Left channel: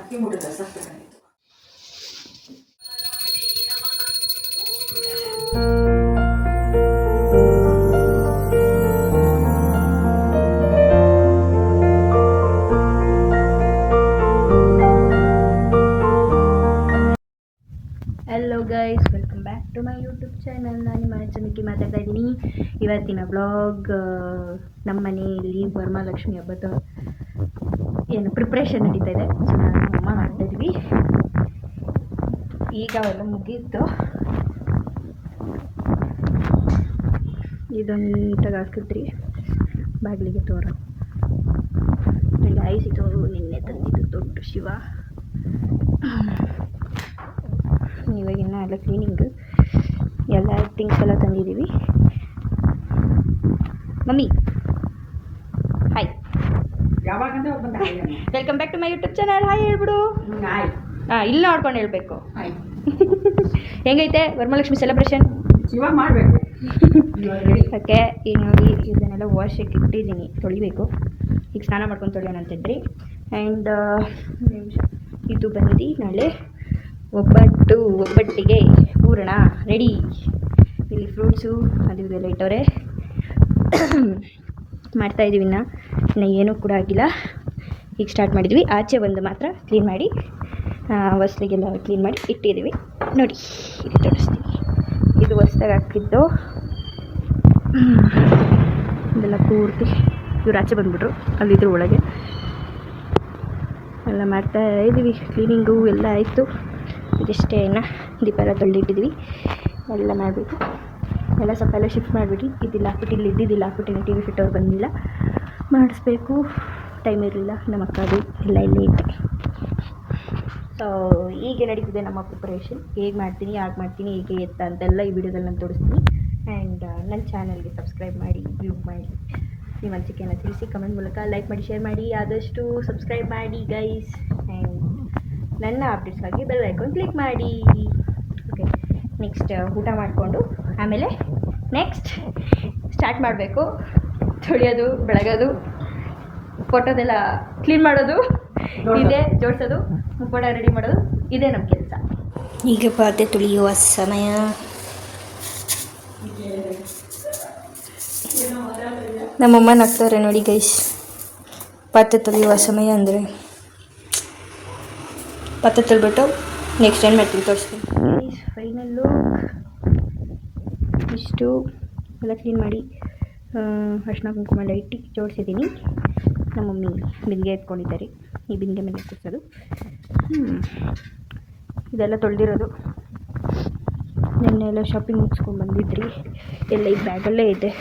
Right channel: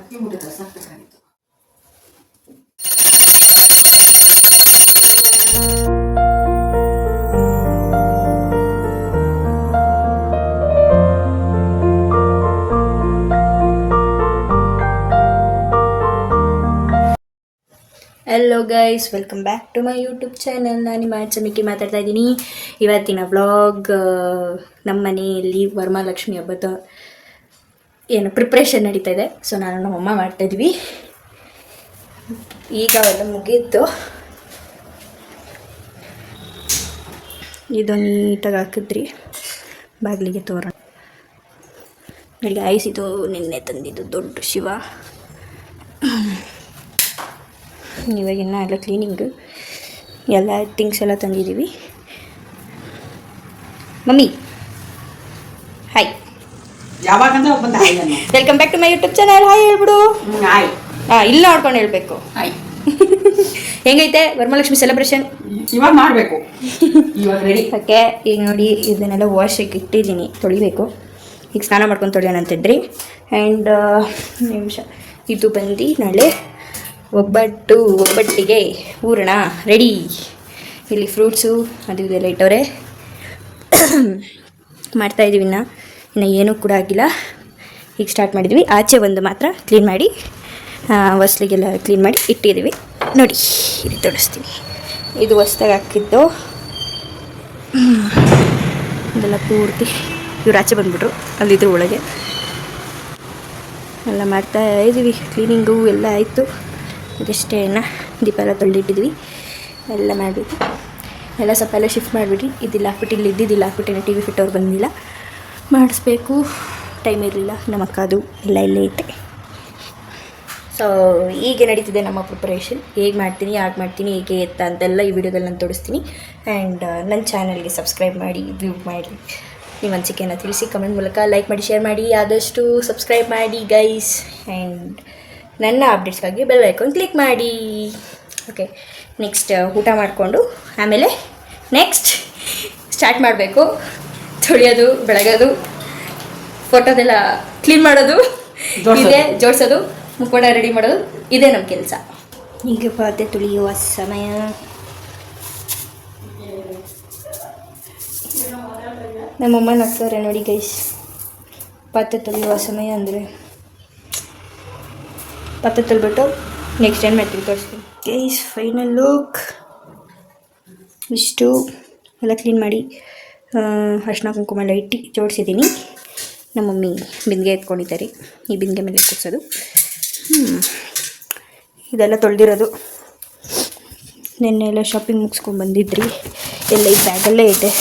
ಅಕ್ಕಿ ಮುಟ್ಟಿದ ಸಾಕಾಗಿತ್ತು. Hello guys, welcome back to my YouTube channel. ನಾನು ನಿಮ್ಮ ಚಮಿಕಿ ಮಾತಾಡ್ತಾ ಇದ್ದೀನಿ. ಇವತ್ತಿನ ವ್ಲಾಗ್ ನಮ್ಮ ಮನೆಯಲ್ಲಿ ವರಮಹಾಲಕ್ಷ್ಮಿ ಹಬ್ಬದ ಏನು ಪ್ರಿಪ್ರೇಷನ್ ನಡೀತಾ ಇದೆ. ಸೊ ನಾನು ನಮ್ಮಮ್ಮ ಮಾಡ್ತಾಯಿದ್ವಿ. ಈಗ ಅವೆಲ್ಲ ಮುಗೀತು. ಇದು ನೀಟಾಗಿ ಹಾಕಿದ್ರಿ ಬಾಗಿಲಿಗೆ ತೋರಣ. ಬೆಳಿಗ್ಗೆ ಆಯಿಸಿತು. ನಿನ್ನೆ ತಂದಿದ್ದು ದೊಡ್ಡ ಶಿವ. ಇವಾಗಿನ್ನ ಎಲ್ಲ ಕ್ಲೀನಿಂಗು ಎಲ್ಲ ಥಿಂಗ್ಸ್ ಎಲ್ಲ ತಂದಿದ್ದೀವಿ. ಮಮ್ಮಿ ಹಾಯ್, ಯಾವಾಗಂದ್ರೆ ಬಂದ welcome back to my YouTube channel. Hi ಹೇಳ್ಬಿಡು. ಹಾಯ್. ಇಲ್ಲಿ ನೋಡ್ಕೊಂಡು ಹೇಳಬೇಕು. ಹಾಯ್. ಹೆಂಗೈತೆ ವರಮಹಾಲಕ್ಷ್ಮಿ ಸೆಲೆಬ್ರೇಷನ್? ಇವಾಗ ಮಾಡಬೇಕು, ಇವಾಗ ರೆಡಿ. ಓಕೆ, ಈಗ ನೋಡಿ ಇದನ್ನೆಲ್ಲ ವಾಶಿಗೆ ಇಟ್ಟಿದ್ದೀನಿ, ತೊಳಿಬೇಕು. ಈಗ ಸ್ನಾನ ಮಾಡ್ಕೊಂಡು ತೊಳೆಯೋಣ ಅಂತಿದ್ರಿ. ಆ್ಯಂಡ್ ನಿಮಿಷ, ಇದು ಬಂದು ನಾಳೆ ಒಬ್ಬಟ್ಟಿಗೆ ಹೂರಣ ರೆಡಿ. ಇಲ್ಲಿ ಫ್ರೂಟ್ಸು ಅದು ಇದೆಲ್ಲ ಇಟ್ಟವ್ರೆ. ಮಾಡ್ತಾಯಿದ್ದೀವಿ. ಇನ್ನು ಏನೂ ಕೂಡ ಆಗಿಲ್ಲ. ಈಗ ಸ್ಟಾರ್ಟ್ ಮಾಡಿದ್ವಿ. ಆಚೆ ಒಂದು ಮಾತ್ರ ಕ್ಲೀನ್ ಮಾಡಿ, ಹೊಸ್ಲಿಗೆಲ್ಲ ಕ್ಲೀನ್ ಮಾಡಿ ಇಟ್ಟಿದ್ದೀವಿ. ನೋಡಿ, ಇದು ತೋರಿಸ್ತೀನಿ. ಇದು ಹೊಸ್ದಾಗಿ ಹಾಕಿದ್ದು. ಇದೆಲ್ಲ ಪೂರ್ತಿ ಇವ್ರು ಆಚೆ ಬಂದುಬಿಟ್ರು, ಅಲ್ಲಿದ್ರು ಒಳಗೆ ಎಲ್ಲ ಮಾಡ್ತಾ ಇದ್ದೀವಿ. ಕ್ಲೀನಿಂಗು ಎಲ್ಲ ಆಯಿತು. ಇದಷ್ಟೇ ದೀಪ ಎಲ್ಲ ತೊಳೆದಿಟ್ಟಿದ್ವಿ. ಎಲ್ಲ ಮಾಡಬೇಕು. ಎಲ್ಲ ಸ್ವಲ್ಪ ಎಲ್ಲ ಶಿಫ್ಟ್ ಮಾಡಿಬಿಟ್ಟು ಇದಿಲ್ಲ ಹಾಕ್ಬಿಟ್ಟು ಇಲ್ಲಿ ಇದ್ದಿದ್ದಿಲ್ಲ ಹಾಕ್ಬಿಟ್ಟು ಟಿ ವಿ ಫಿಟ್ಟವ್ರು ಬಂದಿಲ್ಲ, ಮಾಡಿಸ್ಬೇಕು. ಟೈಮ್ ಇರಲಿಲ್ಲ. ನಮ್ಮ ಅಕ್ಕ ಅದು ಎಲ್ಲ ಇಲ್ಲೇ ಇಟ್ಟೆ. ಸೊ ಹೀಗೆ ನಡೀತಿದೆ ನಮ್ಮ ಪ್ರಿಪರೇಷನ್. ಹೇಗೆ ಮಾಡ್ತೀನಿ, ಯಾಕೆ ಮಾಡ್ತೀನಿ, ಹೇಗೆ ಎತ್ತ ಅಂತೆಲ್ಲ ಈ ವಿಡಿಯೋದಲ್ಲಿ ನಾನು ತೋರಿಸ್ತೀನಿ. ಆ್ಯಂಡ್ ನನ್ನ ಚಾನಲ್ಗೆ ಸಬ್ಸ್ಕ್ರೈಬ್ ಮಾಡಿ, ವ್ಯೂ ಮಾಡಿ, ನಿಮ್ಮ ಅನಿಸಿಕೆಯನ್ನು ತಿಳಿಸಿ ಕಮೆಂಟ್ ಮೂಲಕ. ಲೈಕ್ ಮಾಡಿ, ಶೇರ್ ಮಾಡಿ, ಆದಷ್ಟು ಸಬ್ಸ್ಕ್ರೈಬ್ ಮಾಡಿ ಗೈಸ್. ಆ್ಯಂಡ್ ನನ್ನ ಅಪ್ಡೇಟ್ಸ್ಗಾಗಿ ಬೆಲ್ ಐಕಾನ್ ಕ್ಲಿಕ್ ಮಾಡಿ. ಓಕೆ, ನೆಕ್ಸ್ಟ್ ಊಟ ಮಾಡಿಕೊಂಡು ಆಮೇಲೆ ನೆಕ್ಸ್ಟ್ ಸ್ಟಾರ್ಟ್ ಮಾಡಬೇಕು. ತೊಳೆಯೋದು, ಬೆಳಗೋದು, ಫೋಟೋದೆಲ್ಲ ಕ್ಲೀನ್ ಮಾಡೋದು, ಇದೇ ಜೋಡಿಸೋದು, ಮುಖವಾಡ ರೆಡಿ ಮಾಡೋದು, ಇದೇ ನಮ್ಮ ಕೆಲಸ. ಈಗ ಪಾತ್ರೆ ತೊಳೆಯುವ ಸಮಯ. ನಮ್ಮಮ್ಮ ನಗ್ತಾರೆ ನೋಡಿ ಗೈಸ್. ಪಾತ್ರೆ ತೊಳೆಯುವ ಸಮಯ ಅಂದರೆ ಪಾತ್ರೆ ತೊಳ್ಬಿಟ್ಟು ನೆಕ್ಸ್ಟ್ ಏನು ಮಾಡ್ತೀವಿ ತೋರಿಸ್ತೀನಿ ಗೈಸ್. ಫೈನಲ್ ಲುಕ್ ಇಷ್ಟು. ಎಲ್ಲ ಕ್ಲೀನ್ ಮಾಡಿ ಅರಿಶಿನ ಕುಂಕುಮ ಎಲ್ಲ ಇಟ್ಟು ಜೋಡಿಸಿದ್ದೀನಿ. ನಮ್ಮ ಮಮ್ಮಿ ಬಿಂದಿಗೆ ಎತ್ಕೊಂಡಿದ್ದಾರೆ. ಈ ಬಿಂದಿಗೆ ಮೇಲೆ ಕೂರಿಸೋದು. ಇದೆಲ್ಲ ತೊಳೆದಿರೋದು. ನೆನ್ನೆ ಎಲ್ಲ ಶಾಪಿಂಗ್ ಮುಗಿಸ್ಕೊಂಡು ಬಂದಿದ್ರಿ. ಎಲ್ಲ ಈ ಬ್ಯಾಗಲ್ಲೇ ಇದೆ.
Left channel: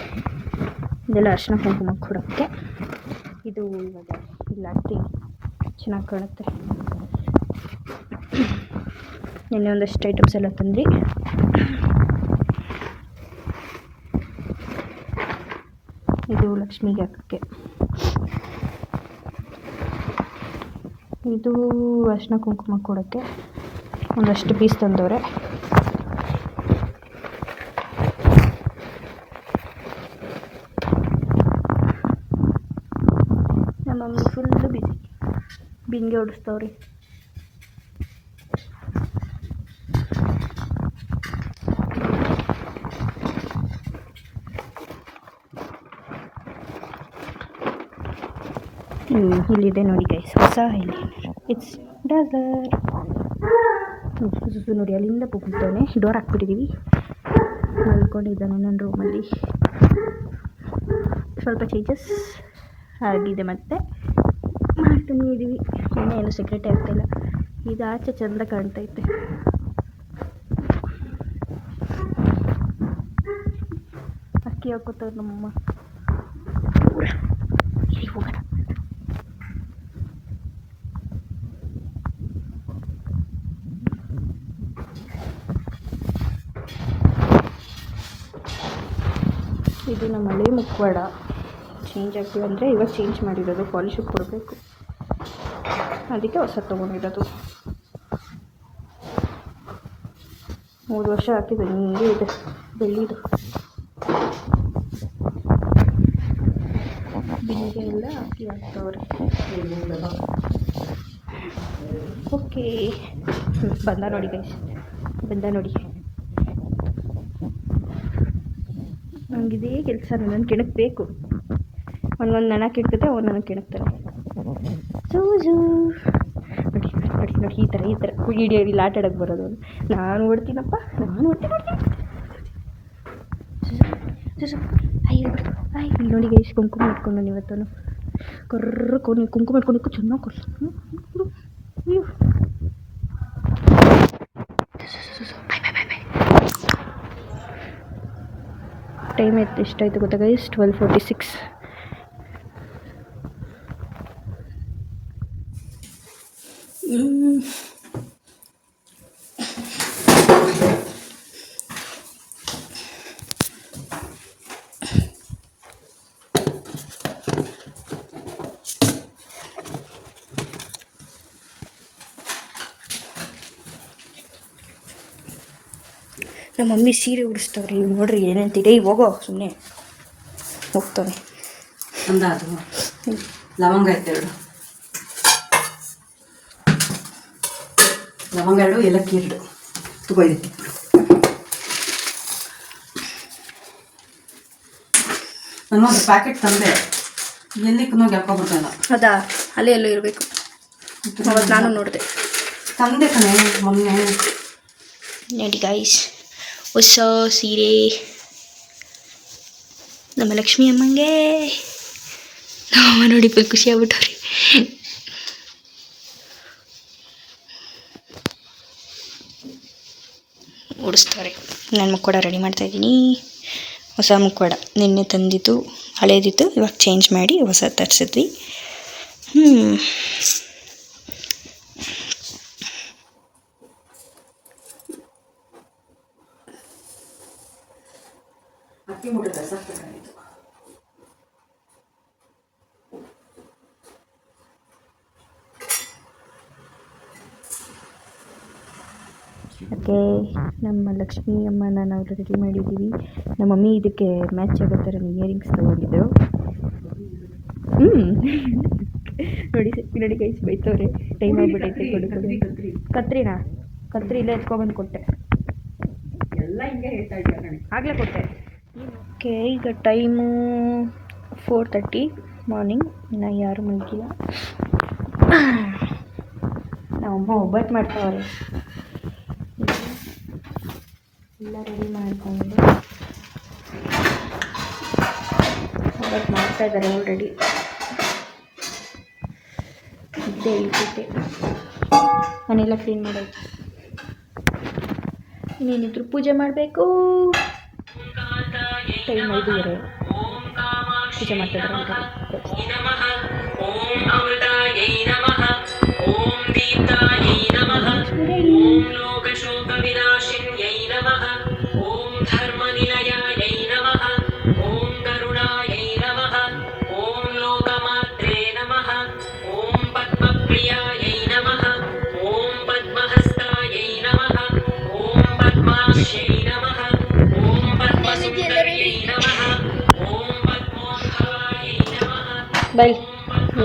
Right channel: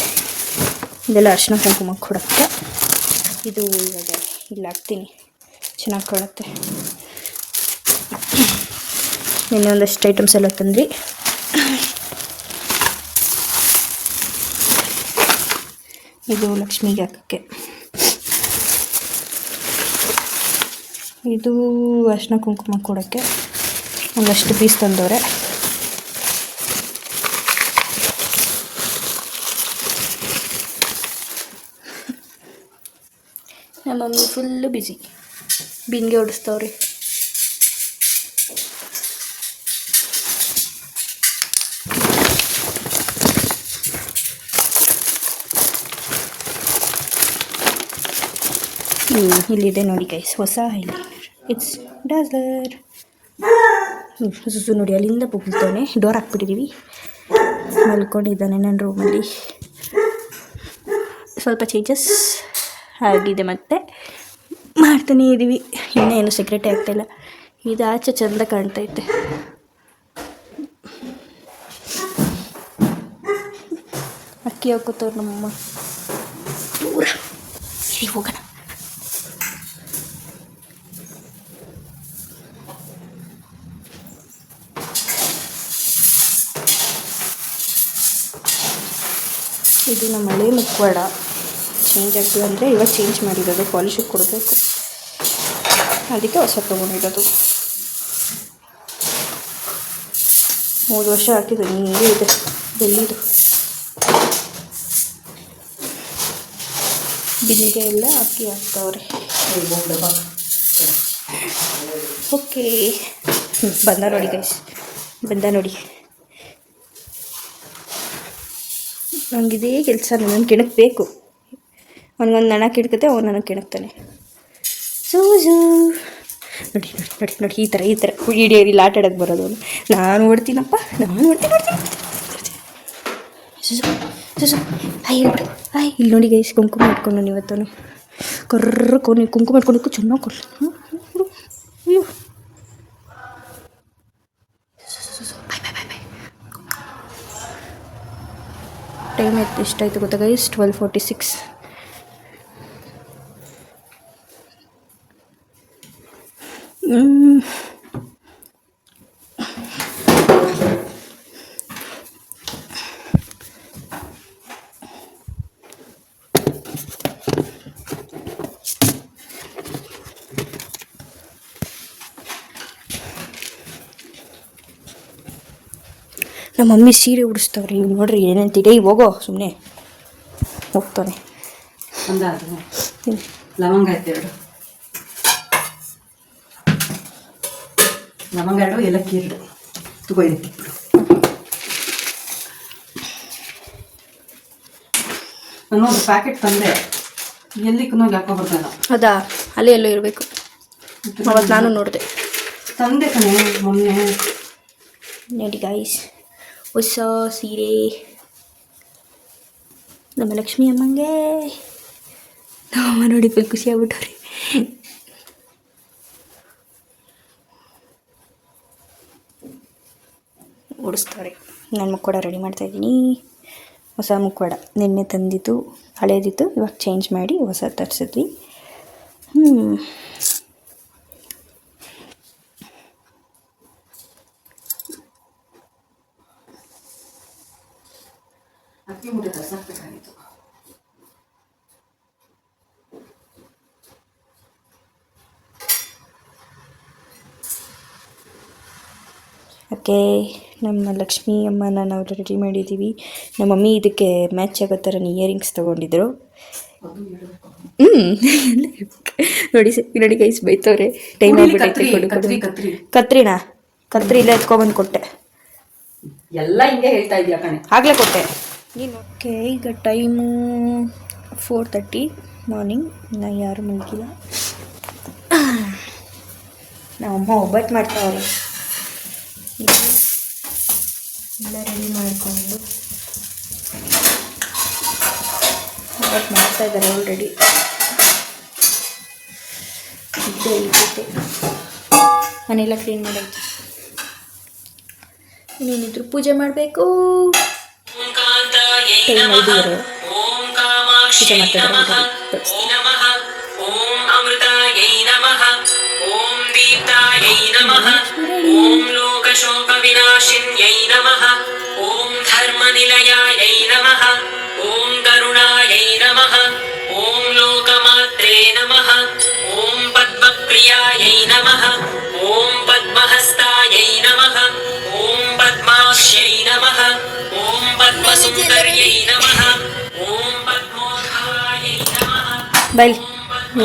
ಇದೆಲ್ಲ ಅರಿಶಿನ ಕುಂಕುಮ ಕೊಡುತ್ತೆ. ಇದು ಇವಾಗ ಇಲ್ಲಿ ಹಾಕ್ತೀನಿ, ಚೆನ್ನಾಗಿ ಕಾಣುತ್ತೆ. ಇನ್ನೊಂದಷ್ಟು ಐಟಮ್ಸ್ ಎಲ್ಲ ತಂದ್ರಿ. ಇದು ಲಕ್ಷ್ಮಿಗೆ ಹಾಕೋಕ್ಕೆ. ಇದು ಅರಿಶಿನ ಕುಂಕುಮ ಕೊಡೋಕ್ಕೆ ಒಂದಷ್ಟು ಪೀಸ್ ತಂದವ್ರೆ. ನಮ್ಮ ಮಮ್ಮಿ ಫುಲ್ಲು ಬಿಸಿ, ಬಿಂದಿಗೆ ಹೊಡಿಸ್ತವ್ರಿ. ಇಲ್ಲಿದೆ ನೋಡಿ ಗೈಸ್, ಹೊಸ ಐಲೈನರ್. It's dazzler. ಸುಸು ನೋಡಿ ಅಲ್ಲಿಂದ ಪುಗ್ತಾನೆ. ಡೋರ್ ಹಾಕ್ಬಿಟ್ಟಿದ್ದೀವಿ. ಮಲ್ಕೊಂಡಿದ್ದಾನೆ ನನ್ನ ರೂಮಲ್ಲಿ. ಸ್ವಲ್ಪ ಚೇಂಜಸ್ ಆಗಿದೆ, ಮತ್ತೆ ಮಾಡ್ತಾನೇ ಇದ್ದೀವಿ. ಇನ್ನೇನು ಸೆಕ್ರೆಟೇ ಆಗ್ತಾಯಿಲ್ಲ. ಇದು ಆಚೆ ಚೆಂದ ಕಾಣ್ತೈತೆ. ಅಕ್ಕಿ ಹಾಕೋತವ್ರು ನಮ್ಮಮ್ಮ. ಹೋಗೋಣ. ಇದು ನಮ್ಮ ಹಳೆ ಮುಖವಾಡ. ಚೇಂಜ್ ಆಗ್ತದೆ ಅಂದರೆ ಇವಾಗ ಚೇಂಜ್ ಮಾಡಿರೋದು, ಪಾಲಿಶಿಗೆ ಕೊಡಬೇಕು, ಅದಕ್ಕೆ ಹೊಸ ತೊಗೊಂಡಿರೋದು. 3 ವರ್ಷ ಹಾಕಿದ್ದು ಹಿಂಗೆ ಇದೆ ಬೆಳ್ಳಿದು. ಬಿಂದಿಗೆ ಎಲ್ಲ ಅಕ್ಕಿ ಹಾಕ್ತವ್ರೆ. ಓಕೆ ಬಂದ ನೋಡಿ ಗೈಸ್, ಬಂದ ನೋಡಿ. ನನಗಿದೇ ಕೆಲಸ, ನನ್ನ ಕೆಣಕಬೇಕು. ಅವನಿಗೊಂದು ನನಗೆ ಕೆಣಕುತ್ತೆ, ಅವ್ನು ನನಗೆ ಕೆಣಕ್ತಾನೆ. ಸೂಜು ನೋಡಿ ನೋಡಿ ನೋಡಿ, ಈ ಥರ ಹಿಡಿಯೋರಿಲ್ಲ ಆಟ ಆಡೋಕ್ಕೆ ಬರೋದು. ನಾನು ಓಡ್ತೀನಪ್ಪ, ನಾನು ಓಡ್ತೀನಿ. ಸುಸು ಹಾಯ್ ಹೇಳ್ಬಿಡು, ಹಾಯ್. ಇಲ್ಲಿ ನೋಡಿ ಗೈಸ್, ಕುಂಕುಮ ಇಟ್ಕೊಂಡು ಇವತ್ತು ಕರ್ರಕೊಂಡು ಕುಂಕುಮ ಇಟ್ಕೊಂಡು ಚೆನ್ನಾಗಿ ಕೊಡ್ಲಿ. ಅಯ್ಯೋ ಟೈಮ್ ಆಯ್ತು, ಎಷ್ಟಾಯಿತು ಗೊತ್ತಾ ಗೈಸ್? 12:46. ನಮ್ಮ ಮಮ್ಮಿ ಸೀರೆ ಉಡಿಸ್ತಾವ್ರಿ. ಇವ್ನು ನೋಡ್ರಿ ಏನೇಂತಿದೆ. ಹೋಗೋ ಸುಮ್ಮನೆ ಹೋಗ್ತಾನೆ. ಲವಂಗ ಐತೆ 2, ಲವಂಗ 2, ಏಲಕ್ಕಿ 2 ತಗೋ. ಇದಕ್ಕೆ ನಾನು ಒಂದು ಪ್ಯಾಕೆಟ್ ತಂದೆ, ಎಲ್ಲಿಗೂ ಹಾಕೋಬಿಡ್ತಾನ. ಅದಾ ಅಲ್ಲೇ ಎಲ್ಲೋ ಇರಬೇಕು. ಅವತ್ತು ನಾನು ನೋಡಿದೆ, ತಂದೆ ಕಣೆ ಮೊನ್ನೆ. ನೋಡಿ ಗೈಸ್, ಹೊಸ ಸೀರೆ ನಮ್ಮ ಲಕ್ಷ್ಮಿ ಅಮ್ಮಂಗೆ. ನಮ್ಮಮ್ಮ ನೋಡಿ ಫುಲ್ ಖುಷಿ ಆಗ್ಬಿಟ್ಟವ್ರಿ. ಉಡಿಸ್ತಾರೆ. ನಾನು ಮುಕ್ಕೋಡ ರೆಡಿ ಮಾಡ್ತಾಯಿದ್ದೀನಿ. ಹೊಸ ಮುಕ್ಕೋಡ ನಿನ್ನೆ ತಂದಿದ್ದು, ಹಳೇದಿತ್ತು, ಇವಾಗ ಚೇಂಜ್ ಮಾಡಿ ಹೊಸ ತರಿಸಿದ್ವಿ. ಅಕ್ಕಿ ಮುಟ್ಟೆ ಸಾಕಬೇಕಾಗಿತ್ತು. ಓಕೆ, ನಮ್ಮ ಲಕ್ಷ್ಮಿ ಅಮ್ಮನ ನಾವು ರೆಡಿ ಮಾಡಿದ್ದೀವಿ. ನಮ್ಮ ಮಮ್ಮಿ ಇದಕ್ಕೆ ಮ್ಯಾಚ್ ಆಗೋ ಥರ ಇಯರಿಂಗ್ಸ್ ತೊಗೊಂಡಿದ್ರು. ನೋಡಿ ಗೈಸ್ ಬೈತವ್ರೆ. ಟೈಮ್ ಆಗಿಬಿಟ್ಟೈತೆ. ಕತ್ರಿ ಇಲ್ಲ ಎತ್ಕೊಬಂದು ಕೊಟ್ಟೆ. ಎಲ್ಲ ಹಿಂಗೆ ಹೇಳ್ತಾ ಇದೆಯಾ ಕಣೆ, ಆಗಲೇ ಕೊಟ್ಟೆ ನೀನು. ಓಕೆ, ಈಗ ಟೈಮು 4:30 ಮಾರ್ನಿಂಗ್. ನಾನು ಯಾರು ಮಲಗಿಲ್ಲ. ನಮ್ಮಮ್ಮ ಒಬ್ಬಟ್ಟು ಮಾಡ್ತಾವಲ್ಲ, ಎಲ್ಲ ರೆಡಿ ಮಾಡಿಕೊಂಡು ಒಬ್ಬಟ್ಟು ಮಾಡ್ತಾಯಿದ್ದಾರೆ ಆಲ್ರೆಡಿ. ಇದ್ದೇ ಇದ್ದಿದ್ದೆ ಮನೆಯೆಲ್ಲ ಕ್ಲೀನ್ ಮಾಡಾಯ್ತು. ಇನ್ನೇನಿದ್ರು ಪೂಜೆ ಮಾಡಬೇಕು. ಟೈಮ್ 5:30. ಪೂಜೆ ಮಾಡ್ತಾಯಿದ್ದಾರೆ. ಶೋಕವಿನಾಶಿನ್ಯೈ ನಮಃ. ಓಂ ಧರ್ಮನಿಲಯಾಯೈ ನಮಃ. ಓಂ ಗರುಡಾಯೈ ನಮಃ. ಓಂ ಲೋಕಮಾತ್ರೇ ನಮಃ. ಓಂ ಪದ್ಮಪ್ರಿಯಾಯೈ ನಮಃ. ಓಂ ಪದ್ಮಹಸ್ತಾಯೈ ನಮಃ. ಓಂ ಪದ್ಮಾಕ್ಷೈ ನಮಃ. ಓಂ ಪದ್ಮಸುಂದರ್ಯೈ ನಮಃ. ಓಂ ಪದ್ಮೋದ್ಭವಾಯೈ ನಮಃ. ಬೈ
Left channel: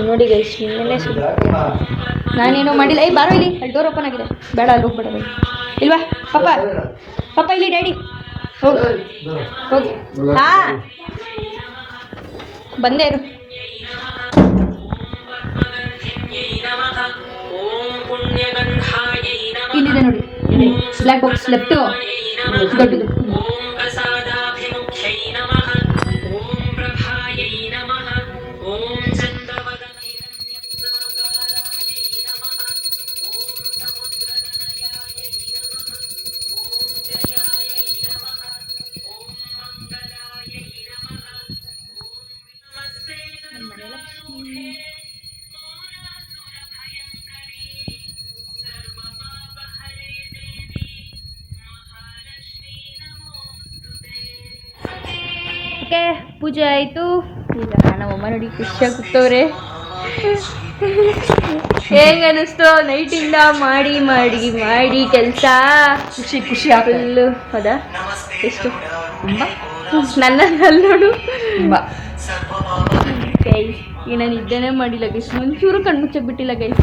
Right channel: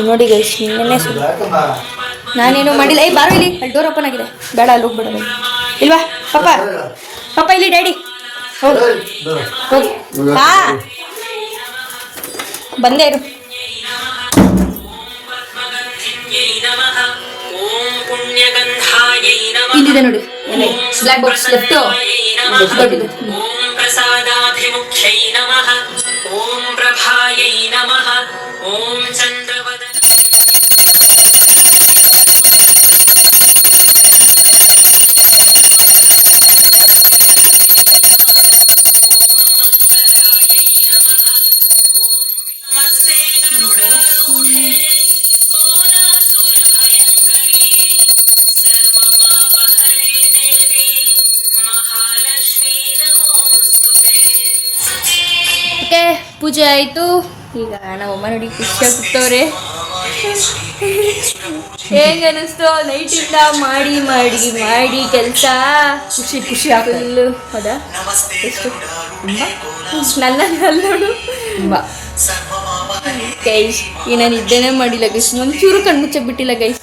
ನೋಡಿ ಗೈಸ್, ನಿನ್ನೆ ನಾನೇನು ಮಾಡಿಲ್ಲ. ಬಾರೋ ಇಲ್ಲಿ, ಅಲ್ಲಿ ಡೋರ್ ಓಪನ್ ಆಗಿದೆ. ಬೇಡ, ಅಲ್ಲಿ ಹೋಗ್ಬೇಡ. ಬೈ ಇಲ್ವಾ ಪಾಪ ಇಲ್ಲಿ ಡ್ಯಾಡಿ ಹೋಗಿ ಹಾ ಬಂದೇ ಇರು. ಇಲ್ಲಿದೆ ನೋಡಿ ಬ್ಲ್ಯಾಕ್ ಬಾಕ್ಸ್ ಲೆಫ್ಟು ದೊಡ್ಡದು. ಓಕೆ, ಪೂಜೆ ಆಯಿತು. ಈಗ ನಮ್ಮಮ್ಮ ನೋಡಿ ಖುಷಿಯಾಗಿ ಕೂತವ್ರೆ. ಹೆಂಗೆ ಅನ್ನಿಸ್ತು ನೈಟಿಂದ ಮಾಡಿ ಮಾಡಿ ಮಾಡಿ ಕೆಲಸ? ಖುಷಿ ಫುಲ್ಲು. ಹೌದಾ? ಎಷ್ಟು ತುಂಬ ನನ್ನ ನೋಡು ತುಂಬ ಗೈಸ್ ಈ ನಾನು ಇದ್ದೇನೆ ಮಾಡಿಲ್ಲ ಗೈಸ್, ಒಂಚೂರು ಕಣ್ಮುಚ್ಚ ಬಿಟ್ಟಿಲ್ಲ ಗೈಸ್.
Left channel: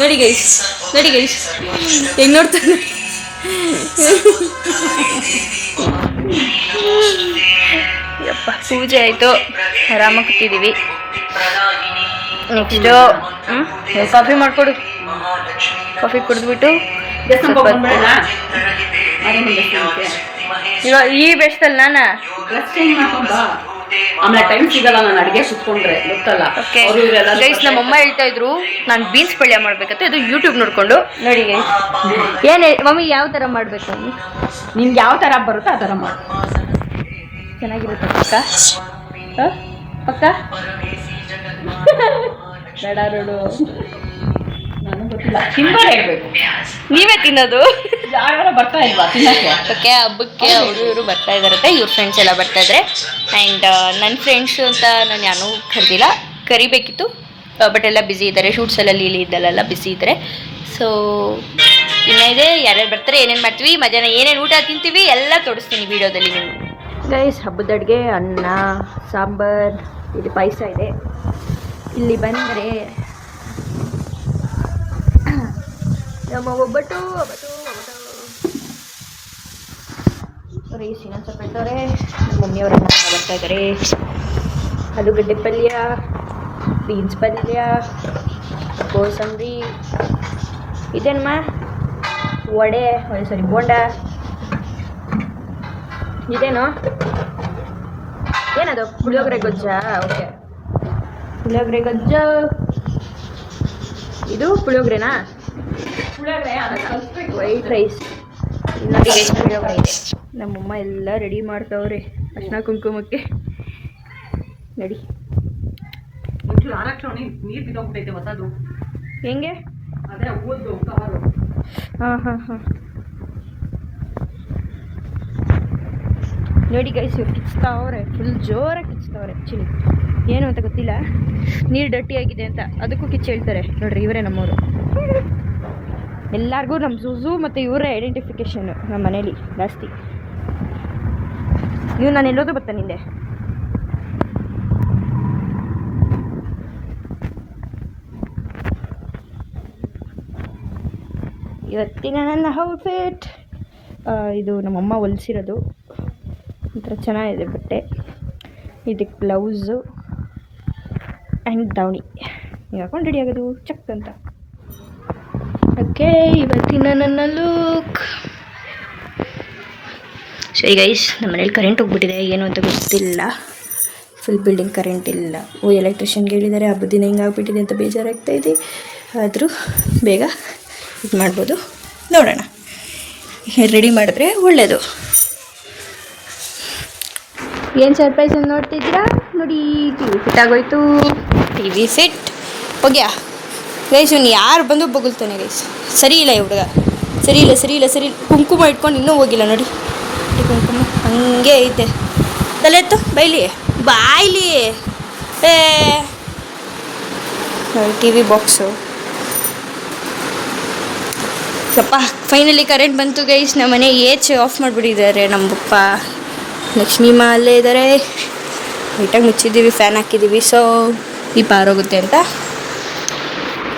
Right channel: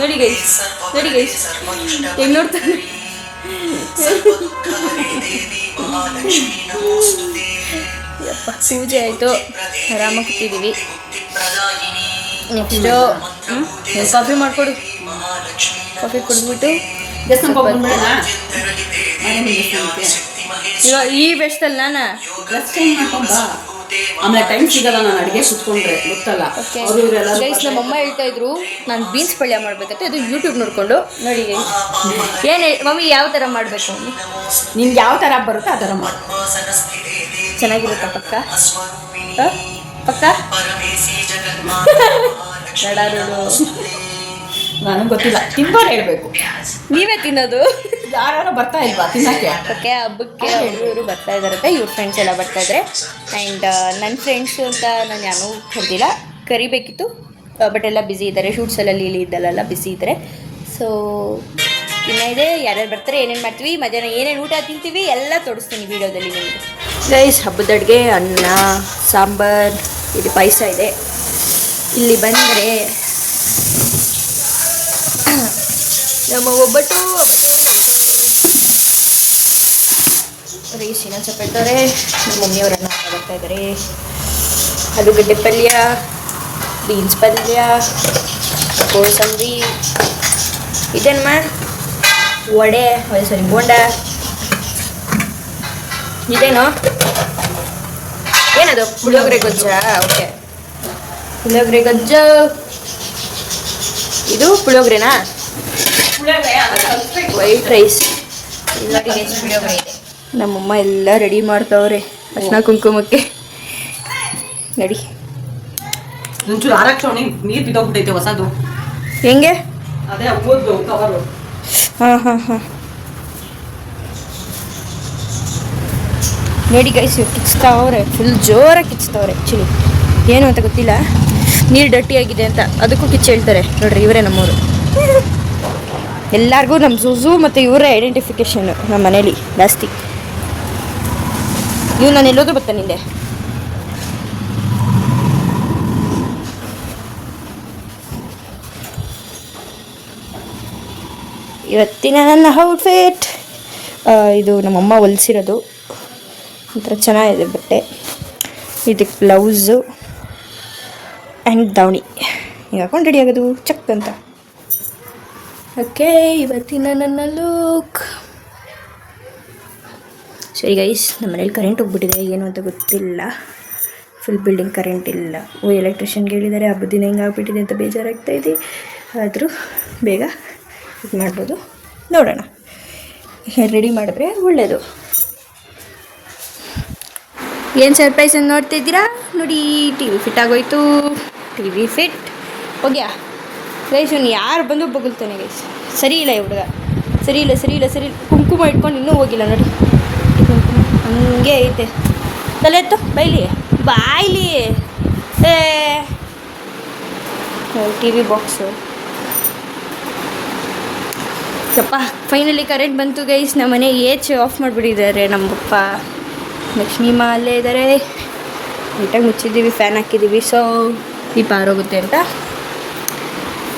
ನೋಡಿ ಗೈಸ್, ನೋಡಿ ಗೈಸ್ ಹೆಂಗ್ ನೋಡ್ತಾನೆ. ಯಪ್ಪ ಪೂಜೆ ಆಯಿತು, ಆರಾಮಾಗಿ ಕೂತಿದ್ದೀವಿ. ನೆಕ್ಸ್ಟು ಕಾಫಿ ಮಾಡಿಕೊಡು. ಕಾಫಿ ಕುಡಿದ್ಬಿಟ್ಟು ದೇವಸ್ಥಾನಕ್ಕೆ ಹೋಗ್ಬಿಡೋಣ. ಮನೆ ಮುಂದೆ ದೇವಸ್ಥಾನಕ್ಕೆ. ಇವಾಗ ಈ ಬೆಸ್ಟಲ್ಲಿ ನಾನು ಡ್ರೆಸ್ ಚೇಂಜ್ ಮಾಡ್ಕೊಂಡ್ ಬಾ. ಆಮೇಲೆ ಟೈಮ್ ಸಿಗಲ್ಲ ನಾನು ಅಡುಗೆ ಕುತ್ಕೊಂಡ್ರೆ, ಗೊತ್ತಲ್ಲ. ಓಕೆ ಅವ್ರು ಇವರೆಲ್ಲ ಗೈಸ್, ನಮ್ಮಮ್ಮ ಹೇಳ್ತಾ ಇದ್ರು ನಾನು ಬೀನ್ಸ್ ಪಲ್ಯ ಮಾಡ್ಬೇಕಂತ. ಇದು ಯೂಟ್ಯೂಬ್ ನೋಡ್ಕೊಂಡು ನೋಡಿ ಗೈಸ್. ಏನು ಮಮ್ಮಿ ಯಾವ ಥರ ಮಾಡಬೇಕು ಮಮ್ಮಿ? ನಿನ್ಗೆ ಯಾವ ಥರ ಬರುತ್ತೋ ಆ ಥರ ಮಾಡು. ಚೆನ್ನಾಗಿರುತ್ತೆ ಪಕ್ಕ ಪಕ್ಕ ನನಗೆ ಗೊತ್ತಿಲ್ಲ, ತಿಂಬಾರ ಹೇಳ್ಬೇಕು. ನೀವೇ ತಿನ್ನೋದು. ಯಾರು ಬರ್ತಾ ಇಲ್ವಾ ತಿನ್ನಕ್ಕೆ? ಓಕೆ, ಹಬ್ಬಕ್ಕೆ ಅವರು ಇವರು ಬರ್ತಾ ಇದ್ದಾರಂತೆ, ಇವ್ರ ಫ್ರೆಂಡ್ಸ್ ಎಲ್ಲ ಬರ್ತಾ ಇದ್ದಾರೆ. ಆ್ಯಂಡ್ ನನ್ನ ಫ್ರೆಂಡ್ಸ್ ಅಂತ ನಾನು ಯಾರೂ ಕರೆದಿಲ್ಲ, ಕರಿಬೇಕಿತ್ತು ಬಟ್ ಎಲ್ಲ ಬ್ಯುಸಿ ಇದ್ದಾರೆ. ಶೂಟ್ಸ್ ಎಲ್ಲ ಲೀಲಿ ಇದ್ದಲ್ಲೆಲ್ಲ ಬ್ಯುಸಿ ಇದ್ದಾರೆ. ಸೊ ಇನ್ನೂ ಇದೆ, ಯಾರ್ಯಾರು ಬರ್ತಾರೆ, ಏನೇನು ಮಾಡ್ತೀವಿ, ಮಧ್ಯಾಹ್ನ ಏನೇನು ಊಟ ತಿಂತೀವಿ ಎಲ್ಲ ತೋರಿಸ್ತೀನಿ ವೀಡಿಯೋದಲ್ಲಿ ನಿಮಗೆ. ಗೈಸ್, ಹಬ್ಬದ ಅಡುಗೆ ಅನ್ನ ಸಾಂಬಾರ್, ಇಲ್ಲಿ ಪಾಯಸ ಇದೆ. ಇಲ್ಲಿ ಬಂದರೆ ನಮ್ಮ ಒಬ್ಬಟ್ಟು ರೈಸ್ ಇನ್ನೊಂದು ಸ್ವಲ್ಪ ಇರ್ತಾರೆ. ನಮ್ಮ ಮಮ್ಮಿಯವ್ರ ಅನ್ನ ಬರ್ತಾ ಇದ್ದಾರೆ. ಆಲೂಗಡ್ಡೆ ಪಲ್ಯ, ಬೀನ್ಸ್ ಪಲ್ಯ, ಕೋಸಂಬರಿ, ಇದೇನಮ್ಮ ವಡೆ, ಸಾರಿ ಬೋಂಡ, ಇದೇನು ಏನದು ಪುಳಿಯೋಗರೆ ಗೊಜ್ಜ. ಓಕೆ, ಪುಳಿಯೋಗರೆ ಗೊಜ್ಜ. ಇದು ಪುಳಿಯೋಗರೆನಾ? White rice. ನೋಡಿ ಗೈಸ್, ಪುಳಿಯೋಗರೆ ಇದೆ. ನಮ್ಮಮ್ಮ ಎಲ್ಲ ರೆಡಿ ಮಾಡ್ತಾವ್ರೆ ಅರ್ಶಿನ ಕುಂಕುಮಕ್ಕೆ. ನಡಿ ಒಂಚೂರು ಆರಕ್ಷಣೆ ನೀರು ಬಿದ್ದೋಗ್ಬಿಟ್ಟೈತೆ ಹೊಸದು. ಹೆಂಗೆ? ಅದೇ ಓದ್ದು ಕವರು. ಹಾಂ ನೋಡಿ ಗೈಸ್, ಇವ್ರು ಕಿಚ್ತಾವ್ರೆ, ಫುಲ್ ಜೋರಾಗಿ ಕಿಚ್ತಾವ್ರೆ. ಆ್ಯಕ್ಚುಲಿ ಏನು ಅಂತ ಗೊತ್ತಿಲ್ಲ, ನೀರು ಡಟ್ಟಿಯಾಗಿದೆ ಅಂತ ಅದಕ್ಕೂ ಕಿಚ್ಚು ಹೇಳ್ತಾರೆ. ನೋಡ್ರಿ, ಇವರೇ ನಮ್ಮವರು. ಎಲ್ಲರಿಗೂ ನಮ್ಮ ಜೂಜು ಮತ್ತು ಇವರೇ ಐಡೆಂಟಿಫಿಕೇಷನ್ ನಮ್ಮ ಮನೇಲಿ ಜಾಸ್ತಿ. ಇವು ನಾನು ಎಲ್ಲೋದ್ರೂ ಬರ್ತಾನೆ ಹಿಂದೆ. ಇವತ್ತಿನ ನನ್ನ ಔಟ್ಫಿಟ್ ಇದು ನಮ್ಮಮ್ಮ ಹೊಲಿಸಿರೋದು. ಒಂಥರ ಚೆನ್ನಾಗಿದೆ ಬಟ್ಟೆ. ಇದಕ್ಕೆ ಬ್ಲೌಸು ಆ್ಯಂಡ್ ದಾವಣಿ ಈಗ ಹಾಕೊಂಡು ರೆಡಿ ಆಗೋದು ಚಕ್ ಅಂತ. ಓಕೆ, ಇವತ್ತಿನ ನನ್ನ ಲುಕ್. ಸರಿ ಗೈಸ್, ನಮ್ಮ ಮನೇಲಿ ಕರೆಂಟ್ ಹೋಗ್ಬಿಟ್ಟಿದೆ, ಏನು ಅಂತ ಗೊತ್ತಿಲ್ಲ. ಫುಲ್ ಬಿಲ್ಡಿಂಗ್ ಕರೆಂಟ್ ಇಲ್ಲ. ಎಲೆಕ್ಟ್ರಿಷಿಯನ್ಗೆ ಹೇಳಿದ್ದಾರೆ, ಹಬ್ಬದ ದಿನ ಹಿಂಗಾಗ್ಬಿಟ್ಟಿದೆ ಅಂತ ಬೇಜಾರಾಗ್ತಾಯಿದೆ. ಆದರೂ ಬೇಗ ಇದು ಮಾಡ್ಬೋದು, ನೋಡೋಣ. ರೆಡಿ ಮಾಡಿದ್ರೆ ಒಳ್ಳೆಯದು. ಏನು ಸರ್ಪ್ರೈಸ್ ಅಂತ ನೋಡ್ತಿದ್ದೀರಾ? ನೋಡಿ, ಟಿ ವಿ ಫಿಟ್ ಆಗೋಯ್ತು. ಟಿ ವಿ ಫಿಟ್ ಹೋಗ್ಯಾ ಗೈಸ್. ಇವ್ನು ಯಾರು ಬಂದು ಬೊಗಳ್ತಾನೆ ಗೈಸ್. ಸರಿ ಇಲ್ಲ ಈ ಹುಡುಗ, ಸರಿ ಇಲ್ಲ. ಕುಂಕುಮ ಇಟ್ಕೊಂಡು ಇನ್ನೂ ಹೋಗಿಲ್ಲ ನೋಡಿ. ಕುಂಕುಮ ಹಂಗೆ ಐತೆ. ತಲೆ ಎತ್ತು, ಬಾಯ್ಲಿ ಏ ಟಿ ವಿ ಬಾಕ್ಸು. ಯಪ್ಪ, ಫೈನಲಿ ಕರೆಂಟ್ ಬಂತು ಗೈಸ್. ನಮ್ಮ ಮನೆ ಆಫ್ ಮಾಡಿಬಿಟ್ಟಿದ್ದಾರೆ ನಮ್ಮ ಪಪ್ಪ. ಲಕ್ಷ್ಮೀಮ್ಮ ಅಲ್ಲೇ ಇದ್ದಾರೆ. ನೀಟಾಗಿ ಮುಚ್ಚಿದ್ದೀವಿ, ಫ್ಯಾನ್ ಹಾಕಿದ್ದೀವಿ. ಸೊ ಈ ಪಾರೋಗುತ್ತೆ ಅಂತ.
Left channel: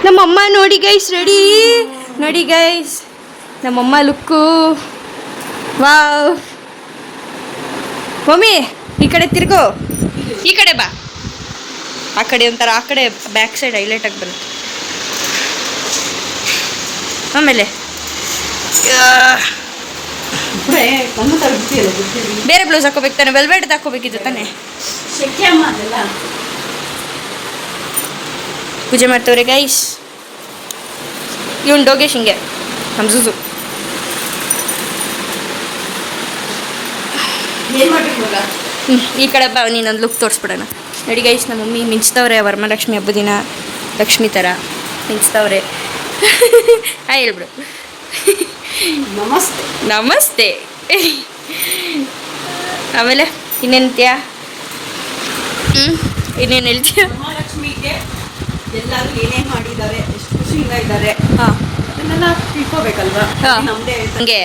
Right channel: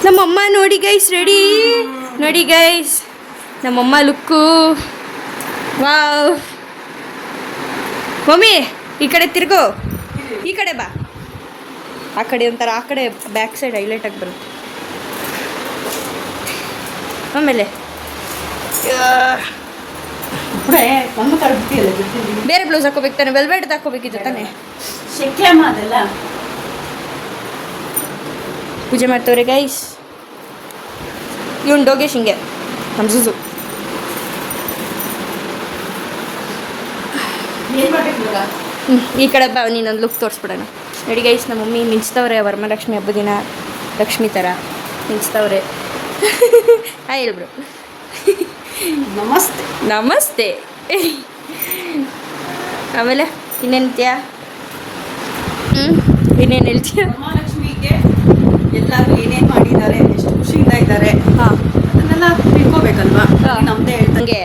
ನಮ್ಮಮ್ಮ ನೋಡಿ ಗೈಸ್, ರೆಡಿ ನೋಡಿ ಗೈಸ್, ನಮ್ಮಮ್ಮ ಲುಕ್ಕು. ವಾವ್ ಮಮ್ಮಿ, ಈ ಕಡೆ ತಿರ್ಗೋ, ಈ ಕಡೆ ಬಾ. ಆ ಕಡೆ ಒಂಥರ, ಆ ಕಡೆ ಬ್ಯಾಕ್ ಸೈಡ್ ಹೈಲೈಟಾಗಿ ಬರುತ್ತೆ. ಆಮೇಲೆ ಬೇರೆ ಬ್ಲೌಸ್ ಹಾಕೋಬೇಕು ತಾನೆ, ವೆಲ್ವೆಟ್ ಹಾಕೋಬೇಕಿತ್ತು ತಾನೆ. ಪೂಜೆ ಮಾಡ್ತವ್ರೆ ಗೈಸ್. ಇವನು ಡೋಗೇಶ್, ಹಿಂಗೆ ನಮ್ಮ ಜೂಜು. ಈ ಕಡೆ ಬಾ, ನೀನೊಂದು ಲುಕ್ ತೋರಿಸ್ಬಿಡೋಣ. ನೋಡಿ ಗೈಸ್, ನಮ್ಮ ಮಮ್ಮಿ ಮಿಂಚ್ತವ್ರೆ. ವರಮಹಾಲಕ್ಷ್ಮಿ ಹಬ್ಬದ ದಿನ ಲಕ್ಷ್ಮಿ ಥರ ಮಿಂಚ್ತವ್ರೆ. ಹೇಳ್ಬಿಡು ನಮಸ್ತೆ. ಆಮೇಲೆ ಇನ್ನೇನ್ತ್ಯಾ? ಇನ್ನೇನು ಹೇಳ್ತೀಯ? ಮಹಾಲಕ್ಷ್ಮಿಗೆ ಎಲ್ಲರೂ ಏನೇನು ಮಾಡಿದ್ದಾರೆ, ಎಷ್ಟು ಖುಷಿಯಿಂದ ಇದ್ದಾರೆ, ಹಾಂ, ಅದನ್ನೆಲ್ಲ ತಿಳ್ಕೊಬೇಕಲ್ವಾ? ನಮ್ಮದೇ ಹಂಗೆ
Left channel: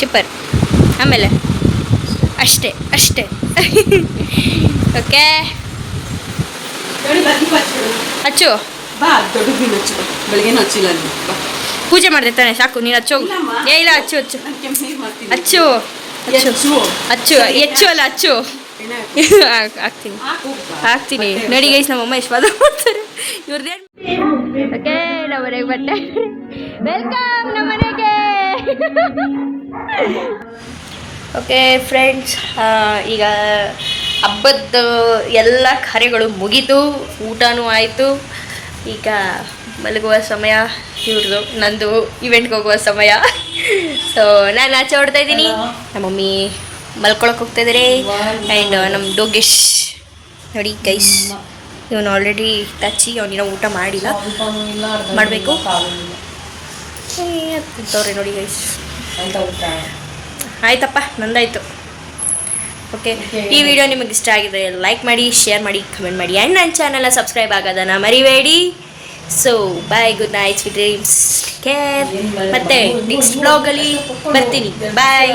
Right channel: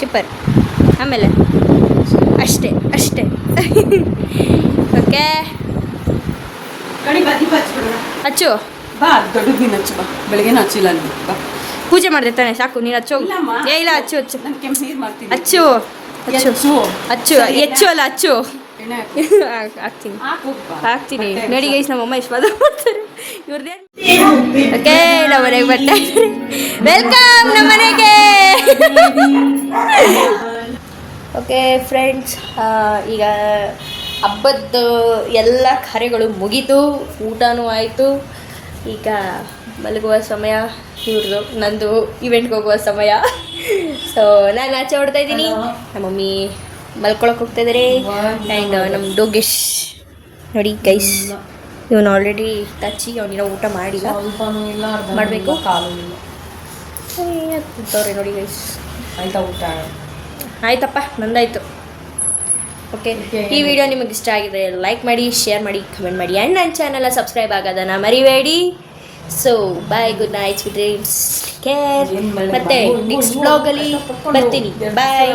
ಶಿಪ್ಪರ್. ಆಮೇಲೆ ಅಷ್ಟೇ. ಓಕೆ, ನೋಡಿ ಬಾ ದೀಪ ಹಚ್ಬಿಡು. ಹಚ್ಚು. ಬಾ ದೊಡ್ಡ ನೀನು ಹಚ್ಚು ಬಾ. ಬೆಳಗ್ಗೆನೂ ಹಚ್ಚಿಲ್ಲ ಅಲ್ಲಿ ಬಾ. ಪೂಜೆ ಮಾಡಿದೆ ತಾನೆ, ಸಾಕು ನೀನು ಹಚ್ಚು. ಇಲ್ಲಮ್ಮ. ಇಲ್ಲ ಹಚ್ಚು ಹಚ್ಚು ನಾನು ಕೆಂಪು ನೀರು ಮಾಡ್ತೀನಿ. ಹಚ್ಚು ಹಚ್ಚು ಹೆಚ್ಚು. ಹಚ್ಚು ಹೆಚ್ಚು ಅಲ್ಲ ಹಚ್ಚು. ಎಣ್ಣೆ ಹಾಕು. ಹಾಕ್ತೀನಿ ಹಾಕು ಬಾ. ಹಾಕ್ತೀನಿ. ನೋಡಿ ಗೈಸ್ ನಮ್ಮಮ್ಮ ಎಷ್ಟು ಬಾದ ಮಾಡ್ತಾರೆ ಇವ್ರದ್ದೇನು. ಓಕೆ ನಮ್ಮ ಮನೆಗೆ ಬರ್ತಾ ಇದ್ದಾರೆ. ವೆಲ್ಕಮ್ ನಮ್ಮ ಮನೆಗೆ. ಓಕೆ ಫ್ರೆಂಡ್ಸ್, ಈಗ ಹಬ್ಬದ ಎಲ್ಲ ಕಾರ್ಯಗಳು ಮುಗೀತು, ಊಟನೂ ಆಯಿತು. ಈಗ ಮಲಗುವ ಸಮಯ ಇವ್ರದ್ದು, ನಂದು ಇವೆಂಟ್ಗೆ ಹೋಗುವ ಸಮಯ. ಸೊ ನಾನು ಆಚೆ ಹೊಡ್ತಾ ಇದ್ದೀನಿ, ನಮ್ಮ ಮಮ್ಮಿ ಮಲ್ಕೊಳಕ್ಕೆ ಹೋಗ್ತಾ ಇದ್ದಾರೆ. ಆ್ಯಂಡ್ ನಮ್ಮ ಡೋಗೇಶ್ ನೋಡಿ ಗೈಸ್, ಇವನು ಆಲ್ರೆಡಿ ಟಚ್ಚಿ, ಅವನಿನ ಊಟ ಮಾಡಿಲ್ಲ, ಮಾಡಬೇಕು. ಕೂತವ್ರೆ ನೋಡಿ ಗೈಸ್. ಆಯ್ತಪ್ಪ, ನಂದಾಯಿತು. ಓಕೆ, ಈ ವಿಡಿಯೋ ನಿಮಗೆ ಇಷ್ಟ ಆಗಿದೆ ಲೈಕ್ ಮಾಡಿ, ಶೇರ್ ಮಾಡಿ, ಕಮೆಂಟ್ ಮಾಡಿ. ಆ್ಯಂಡ್ ನನ್ನ ಚಾನಲ್ನ ಸಬ್ಸ್ಕ್ರೈಬ್ ಆಗೋದನ್ನು ಮರಿಬೇಡಿ. So bye, good night, sweet dreams, care. ಮತ್ತೆ ನೆಕ್ಸ್ಟ್ ಬ್ಲಾಗಲ್ಲಿ ಬರ್ತೀನಿ. ಬಾಯ್.